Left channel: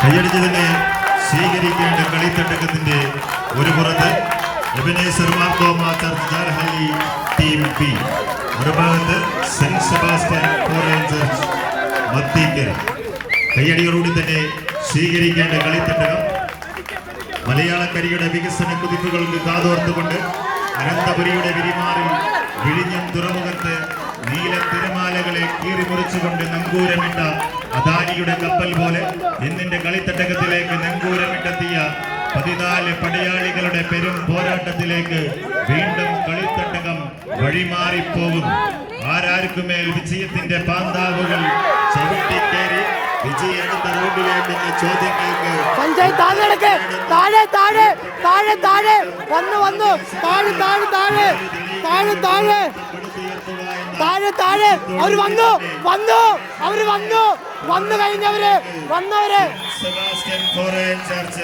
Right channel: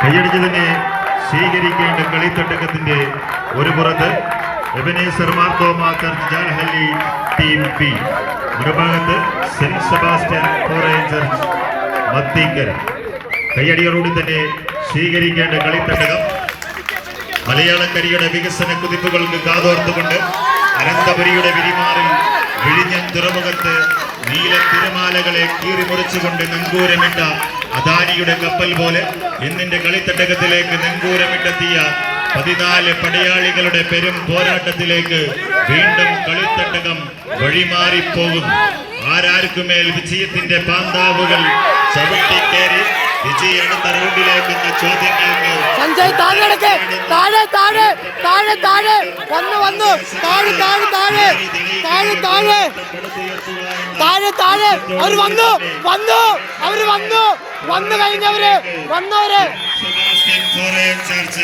കൈയടിച്ച് തന്നെ സ്വീകരിക്കേണ്ട കളിത്തട്ടകത്തിന്റെ ഒരു പുറത്ത് Ebenezer Marthoma church Janhalli team P, മറുഭാഗത്ത് saint Sebastian forane church Mathikkara. കൈയടികളോട് തന്നെ സ്വീകരിക്കേണ്ട കളിത്തട്ടകം മലയാളക്കരയുടെ വികസന കുതിപ്പുകൾക്ക് കാതോർത്തുകൊണ്ട് അനന്തപുരിയുടെ വിരിമാറിൽ വിഴിഞ്ഞം തുറമുഖത്ത് നീല തിരമാലകളെ കീറിമുറിച്ചുകൊണ്ട് നങ്കൂരമിട്ട അദാനിയുടെ കപ്പൽ പോലെ ഇന്നിന്റെ കളിത്തട്ടകത്തിലേക്ക് നങ്കൂരമിട്ടെത്തിയ 14 പടയാളികളുടെ പെരും പോരാട്ടത്തിലേക്ക് വീണ്ടും കളിത്തട്ടകം വഴിമാറിപ്പോകും. ആരാർക്കുമേൽ വിജയത്തിന്റെ പാന്താവുകൾ ചവിട്ടിക്കേറി വിജയെടുത്ത റോഡിലേക്കെന്ന ചോദ്യങ്ങൾക്ക് സഞ്ജയ് താഴെ താഴെ താഴെ താഴെ താഴെ വന്നു വന്നു താഴെ താഴെ താഴെ താഴെ താഴെ താഴെ താഴെ അവര് വന്നു വന്നു അവര് വന്നു വന്നു കഴിഞ്ഞവര് വന്നവര്